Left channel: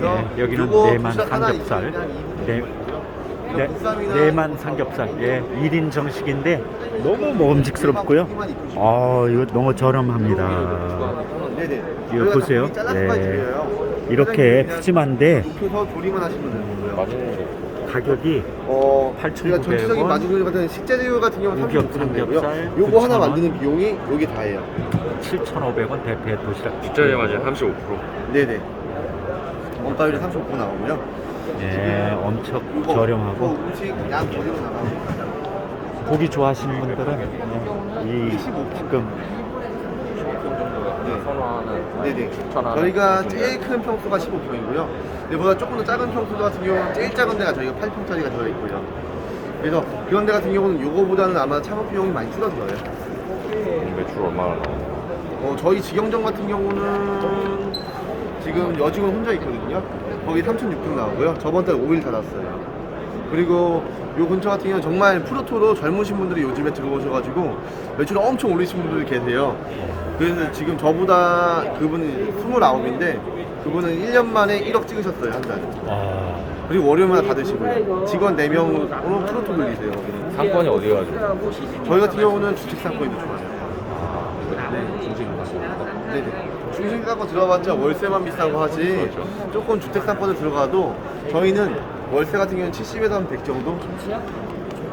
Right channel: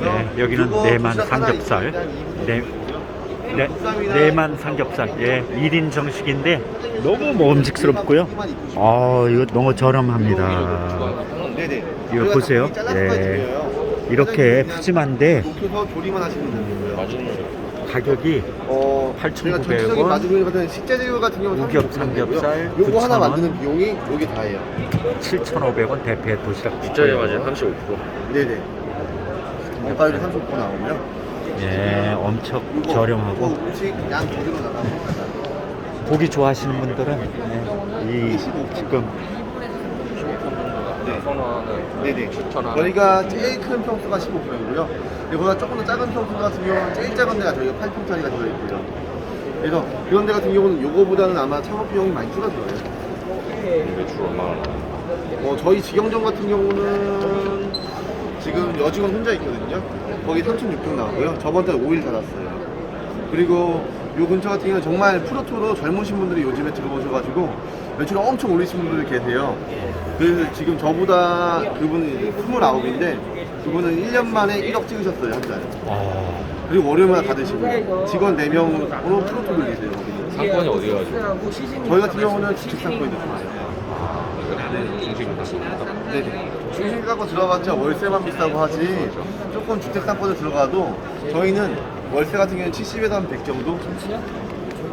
네, 여기는 내만 삼겹살. 네, 네, 내만 삼겹살. 예, 1인 정식인데 너무 먹음직스럽고요. 아, 이거 너무 저렴합니다. 이거 보세요. 예. 이렇게 푸짐한데. 가격이 어, 8,900 저희가 전체적인 원. 마지막에 받은 식재료 같은 경우는 우겹 3,900 삼겹살 원이고요. 요거 하나 9,000 원. 만드는 비용이 요게 다예요. 7,500원 대패 도시락 뒷자리 맞아요. 있고요. 35%. 네네. 원가율이 35% 나오고요. 예, 엄청 저렴하고 음식 양 고기 좋아하시는 분들은 예, 이 지금 네. 네네. 추천하는 저희가 제일 큰 평수가 15kg이고요. 이보다 조금 더 작은 평수 같은 경우는 제일 작은 데가 저희가 8평짜리가 들어있고요. 그래서 그런 데 같은 경우는 이거보다는 아마 창업 비용이 많이 줄어들어요. 매출 얼마나 어, 저희 직영점 같은 경우는 지금 여직원 혼자 있거든요. 거기 3,600 나오고요. 저번 달 5일 닫았어요. 그리고 요 근처 같은 경우는 정말 프로토도 젊으신 분들이 요즘에 들어오셔가지고 매출을 엄청 올리신 분들이 계세요. 그래서 지금 저보다 그분이 이제 29인데 그분은 1년 만에 1억 찍으셨어요, 한 달. 와, 그리고 월요일마다 받으시고 직원 4명으로 프로토 돌리세요. 상권이 어디 가지고 저희 같은 경우는 주택 상권이 더 좋아요. 중심 갔습니다. 네네. 중심 갖고 들어가봤자 월세만 비싸고 하지 조금 주택 상권에 들어가도 저희는 월세 같은 경우는 70에서 한 100 정도?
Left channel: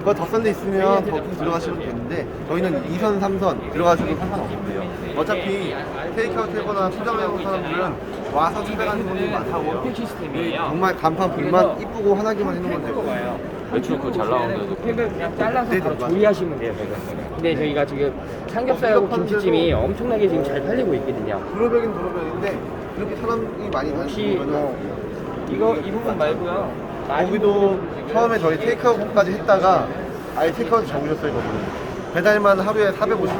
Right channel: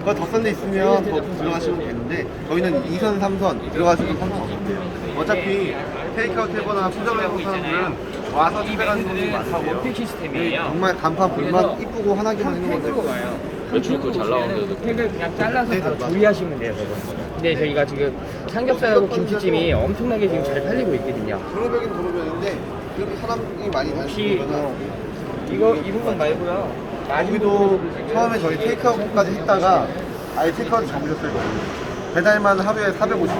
더 덕선데 있으면 더 들어가시면 되는데 저희는 2선, 3선 들어가셔도 상관없는데요. 어차피 테이크아웃 해거나 수정을 하고 사람들은 와서 집에가는 분들이 다. 원팩 시스템이에요. 정말 단판 불만 이쁘고 하나기만 해놓으면 돼요. 매출 그잘 나오는데도 팩을 그냥 잘라서 네, 바로 맞아요. 조리하시면 돼요, 저거. 근데 저희가 지금 삼겹살하고 김치찜이 엄청나게 지금 잘 팔리고 있거든요. 도로벽인 도로벽인데 그렇게 사람이 많이 혹시 다니는 뭐 거는 이거 이 부분 말고요. 여기도 처음에 저희 테이크아웃까지 했다가 아예 테이크아웃 잡으셨어요. 배달만 하루에 450분